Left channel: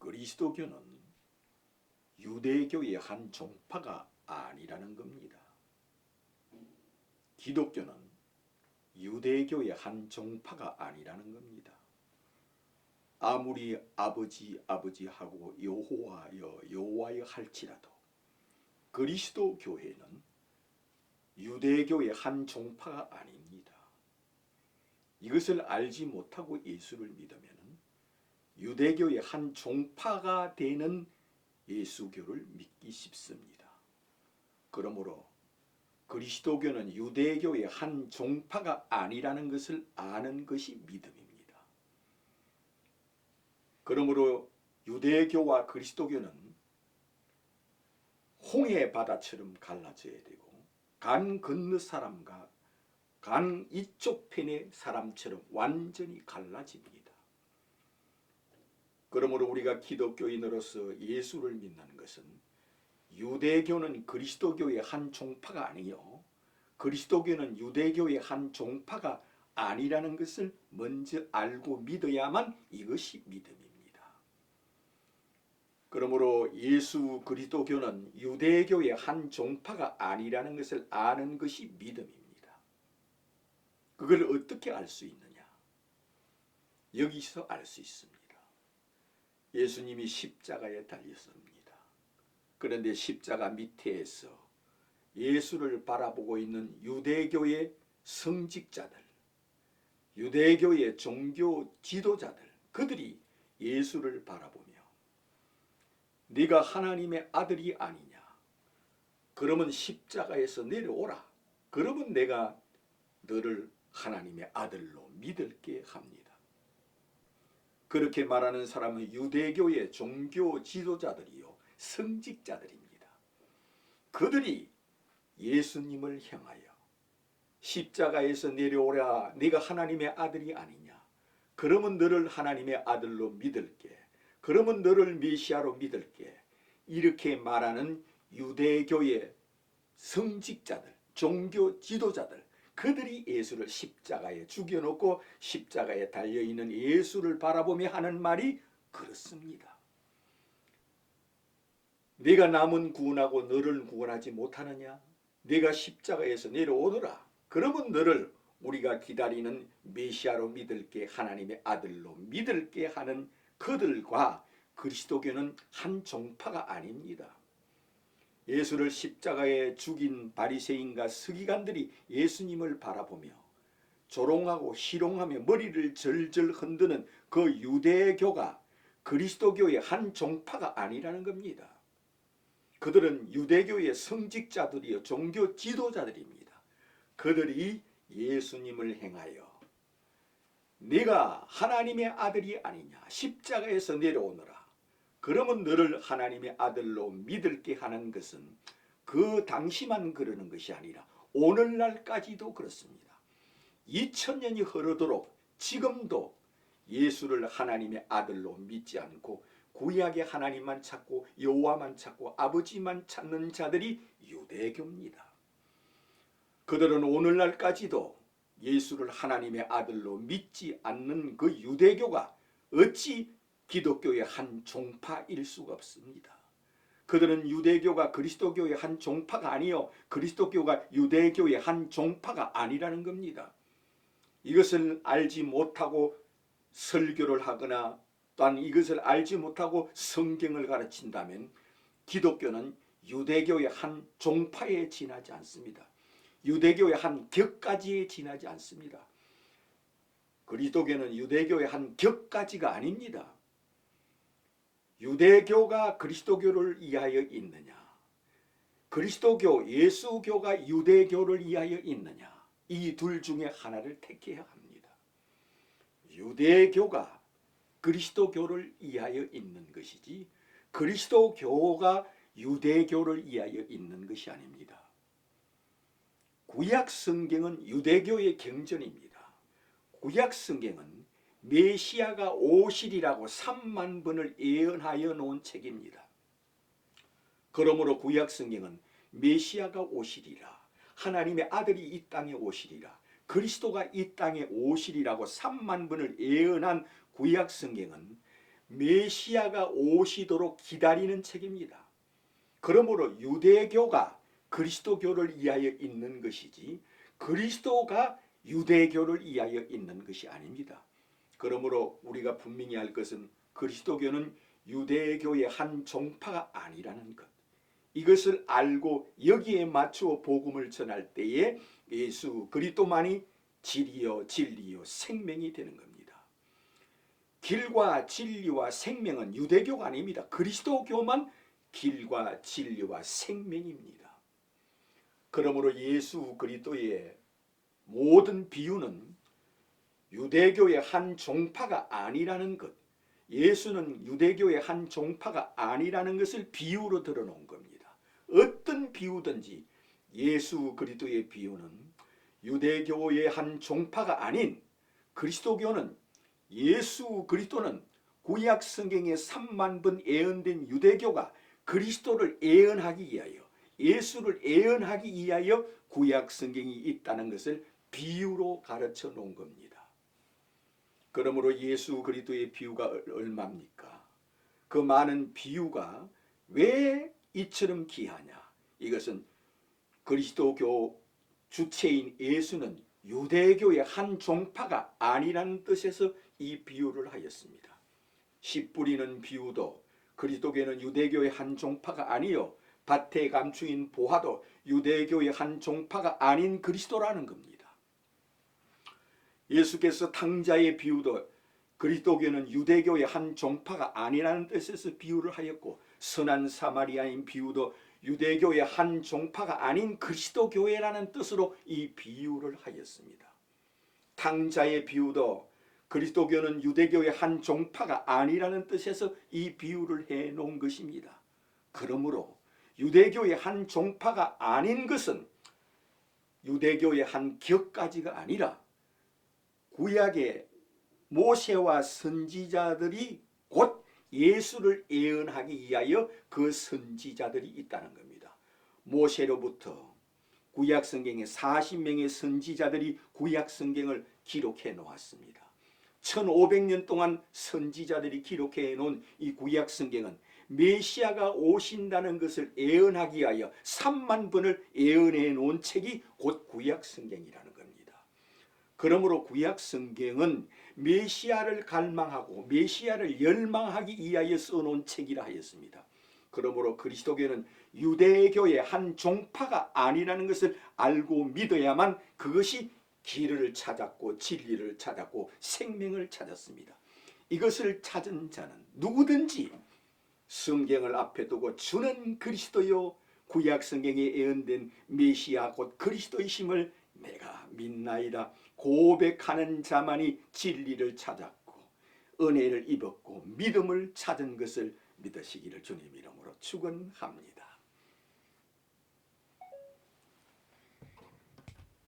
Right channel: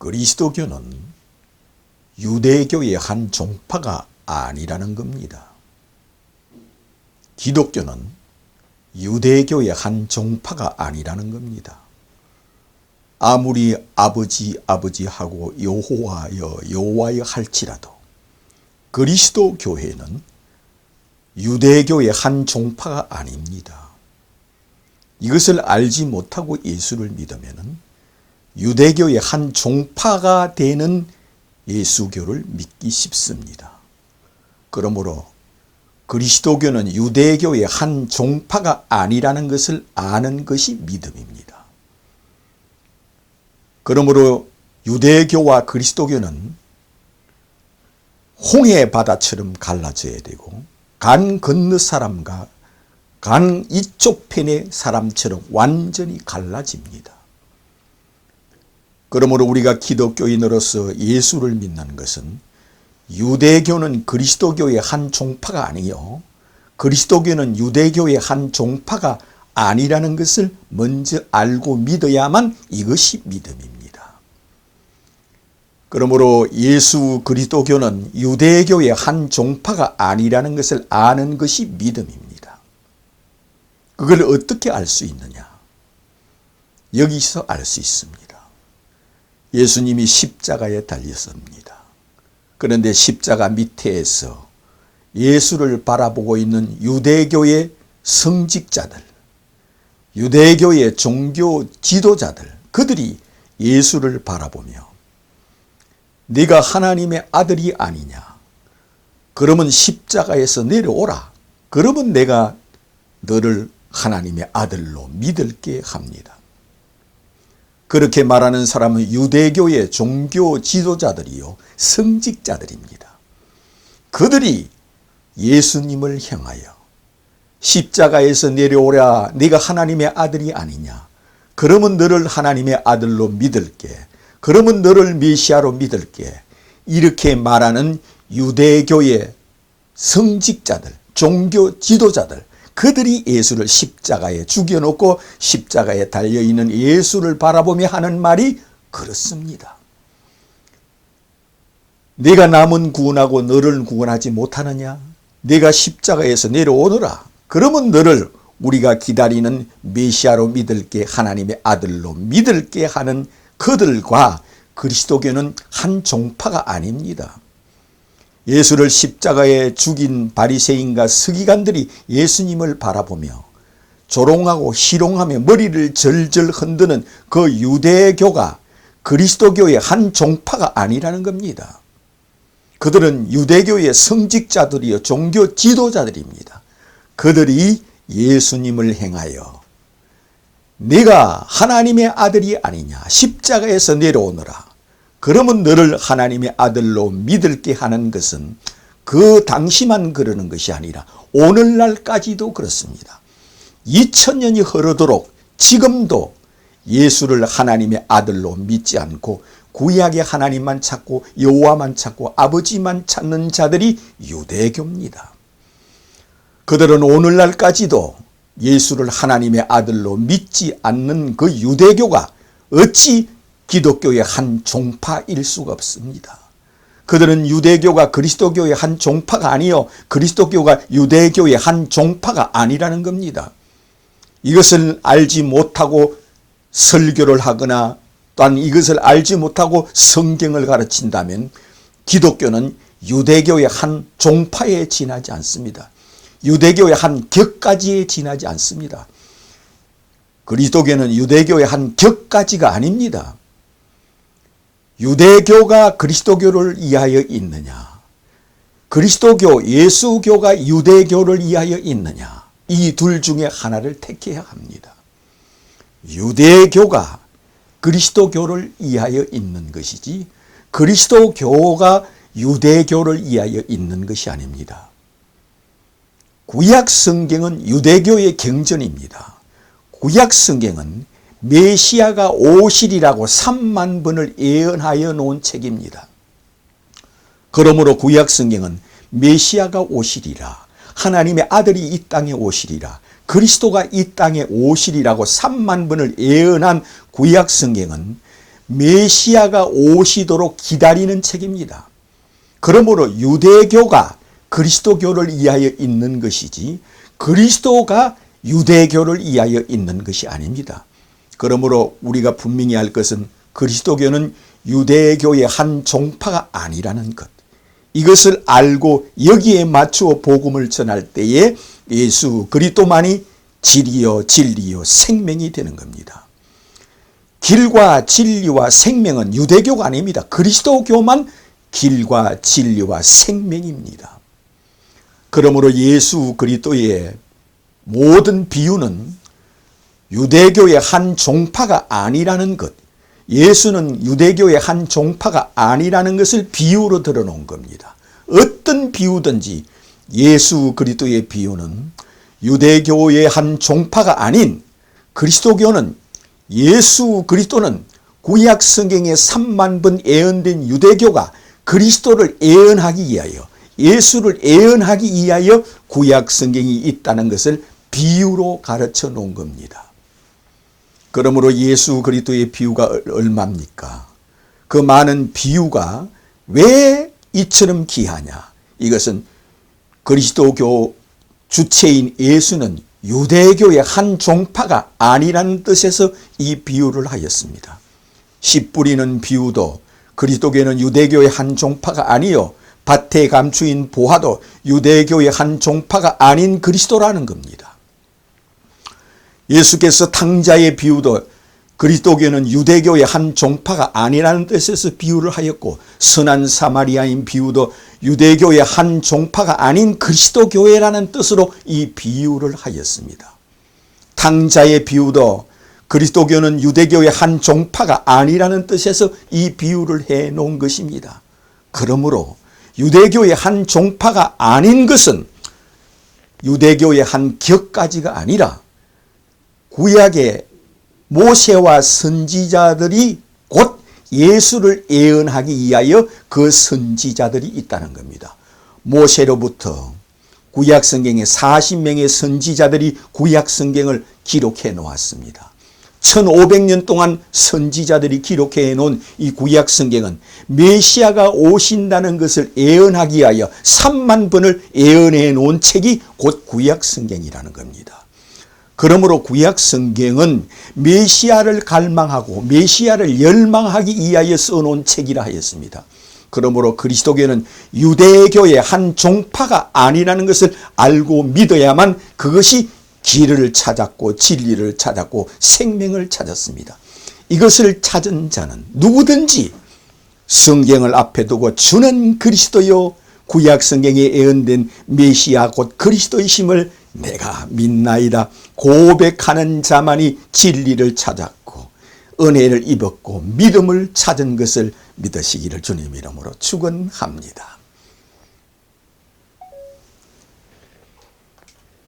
그리스도교는 유대교의 한 종파가 아니라는 겁니다. 기독교는 유대교의 한 종파가 아니라는 겁니다. 아무리 아버지 하고 여호와여 할지라도 그리스도 교회는 유대교의 한 종파가 아닙니다. 이것을 알지 못하고 예수를 믿으면 유대교의 한 종파가 되는 예수교를 믿기 쉽습니다. 그러므로 그리스도교는 유대교의 한 종파가 아니라는 것을 아는 것이 믿음입니다. 그러므로 유대교와 그리스도교는 홍해 바다처럼 갈라져야 되고 강 건너 사람과 강 이쪽 편의 사람처럼 완전히 갈라집니다. 그러므로 우리가 기독교인으로서 예수를 믿는 것은 유대교는 그리스도교의 한 종파가 아니요 그리스도교는 유대교의 한 종파가 아니라는 것을 먼저 알고 믿어야만 이것이 믿음입니다. 그러므로 예수 그리스도교는 유대교의 한 종파가 아니라는 것을 아는 것이 믿음입니다. 그걸 어떻게 알 수 있느냐? 여기서 알 수 있습니다. 예수님이 십자가에 달렸습니다. 그런데 십자가 밑에서 예수를 바라보고 있는 유대교의 성직자들, 유대교의 종교 지도자들, 그들이 예수를 바라보며 네가 하나님의 아들이 아니냐? 그러면 십자가에서 내려오라. 그러면 내가 너를 하나님의 아들로 믿을게 합니다. 그렇게 말하는 사람은 유대교의 종교 지도자들이요 성직자들입니다. 그들이 예수님을 향하여 십자가에서 내려오라. 네가 하나님의 아들이 아니냐? 그러면 너를 하나님의 아들로 믿을게. 그러면 너를 메시아로 믿을게. 이렇게 말하는 유대교의 성직자들, 종교 지도자들, 그들이 예수를 십자가에 죽여놓고 십자가에 달려있는 예수를 바라보며 하는 말이 그렇습니다. 네가 남은 구원하고 너를 구원하지 못하느냐? 네가 십자가에서 내려오너라. 그러면 너를 우리가 기다리는 메시아로 믿을게, 하나님의 아들로 믿을게 하는 그들과 그리스도교는 한 종파가 아닙니다. 예수를 십자가에 죽인 바리새인과 서기관들이 예수님을 바라보며 조롱하고 희롱하며 머리를 절절 흔드는 그 유대교가 그리스도교의 한 종파가 아니라는 겁니다. 그들은 유대교의 성직자들이요 종교 지도자들입니다. 그들이 예수님을 향하여 네가 하나님의 아들이 아니냐? 십자가에서 내려오너라. 그러면 너를 하나님의 아들로 믿을게 하는 것은 그 당시만 그러는 것이 아니라 오늘날까지도 그렇습니다. 2000년이 흐르도록 지금도 예수를 하나님의 아들로 믿지 않고 구약의 하나님만 찾고 여호와만 찾고 아버지만 찾는 자들이 유대교입니다. 그들은 오늘날까지도 예수를 하나님의 아들로 믿지 않는 그 유대교가 어찌 기독교의 한 종파일 수가 없습니다. 그들은 유대교가 그리스도교의 한 종파가 아니요 그리스도교가 유대교의 한 종파가 아니라는 겁니다. 이것을 알지 못하고 설교를 하거나 또한 이것을 알지 못하고 성경을 가르친다면 기독교는 유대교의 한 종파에 지나지 않습니다. 유대교의 한 격까지에 지나지 않습니다. 그리스도교는 유대교의 한 격까지가 아닙니다. 유대교가 그리스도교를 이하여 있느냐? 그리스도교, 예수교가 유대교를 이하여 있느냐? 이 둘 중에 하나를 택해야 합니다. 유대교가 그리스도교를 이하여 있는 것이지 그리스도교가 유대교를 이하여 있는 것이 아닙니다. 구약 성경은 유대교의 경전입니다. 구약 성경은 메시아가 오시리라고 3만 번을 예언하여 놓은 책입니다. 그러므로 구약 성경은 메시아가 오시리라, 하나님의 아들이 이 땅에 오시리라, 그리스도가 이 땅에 오시리라고 3만 번을 예언한 구약 성경은 메시아가 오시도록 기다리는 책입니다. 그러므로 유대교가 그리스도교를 위하여 있는 것이지 그리스도가 유대교를 위하여 있는 것이 아닙니다. 그러므로 우리가 분명히 알 것은 그리스도교는 유대교의 한 종파가 아니라는 것. 이것을 알고 여기에 맞추어 복음을 전할 때에 예수 그리스도만이 길이요 진리요 생명이 되는 겁니다. 길과 진리와 생명은 유대교가 아닙니다. 그리스도교만 길과 진리와 생명입니다. 그러므로 예수 그리스도의 모든 비유는 유대교의 한 종파가 아니라는 것, 예수는 유대교의 한 종파가 아니라는 것을 비유로 들어놓은 겁니다. 어떤 비유든지 예수 그리스도의 비유는 유대교의 한 종파가 아닌 그리스도교는 예수 그리스도는 구약 성경에 3만 번 예언된 유대교가 그리스도를 예언하기 위하여 예수를 예언하기 위하여 구약 성경이 있다는 것을 비유로 가르쳐 놓은 겁니다. 그러므로 예수 그리스도의 비유가 얼마입니까? 그 많은 비유가 왜 이처럼 귀하냐? 이것은 그리스도교 주체인 예수는 유대교의 한 종파가 아니라는 뜻에서 이 비유를 하였습니다. 씨 뿌리는 비유도 그리스도교는 유대교의 한 종파가 아니요 밭에 감추인 보화도 유대교의 한 종파가 아닌 그리스도라는 겁니다. 예수께서 탕자의 비유도 그리스도교는 유대교의 한 종파가 아니라는 뜻에서 비유를 하였고 선한 사마리아인 비유도 유대교의 한 종파가 아닌 그리스도교회라는 뜻으로 이 비유를 하였습니다. 탕자의 비유도 그리스도교는 유대교의 한 종파가 아니라는 뜻에서 이 비유를 해 놓은 것입니다. 그러므로 유대교의 한 종파가 아닌 것은 유대교의 한 격가지가 아니라 구약의 모세와 선지자들이 곧 예수를 예언하기 위하여 그 선지자들이 있다는 겁니다. 모세로부터 구약 성경에 40명의 선지자들이 구약 성경을 기록해 놓았습니다. 1500년 동안 선지자들이 기록해 놓은 이 구약 성경은 메시아가 오신다는 것을 예언하기 위하여 3만 번을 예언해 놓은 책이 곧 구약 성경이라는 겁니다. 그러므로 구약 성경은 메시아를 갈망하고 메시아를 열망하기 위하여 써놓은 책이라 하였습니다. 그러므로 그리스도교는 유대교의 한 종파가 아니라는 것을 알고 믿어야만 그것이 길을 찾았고 진리를 찾았고 생명을 찾았습니다. 이것을 찾은 자는 누구든지 성경을 앞에 두고 주는 그리스도요 구약 성경에 예언된 메시아 곧 그리스도이심을 내가 믿나이다 고백하는 자만이 진리를 찾았고 은혜를 입었고 믿음을 찾은 것을 믿으시기를 주님 이름으로 축원합니다.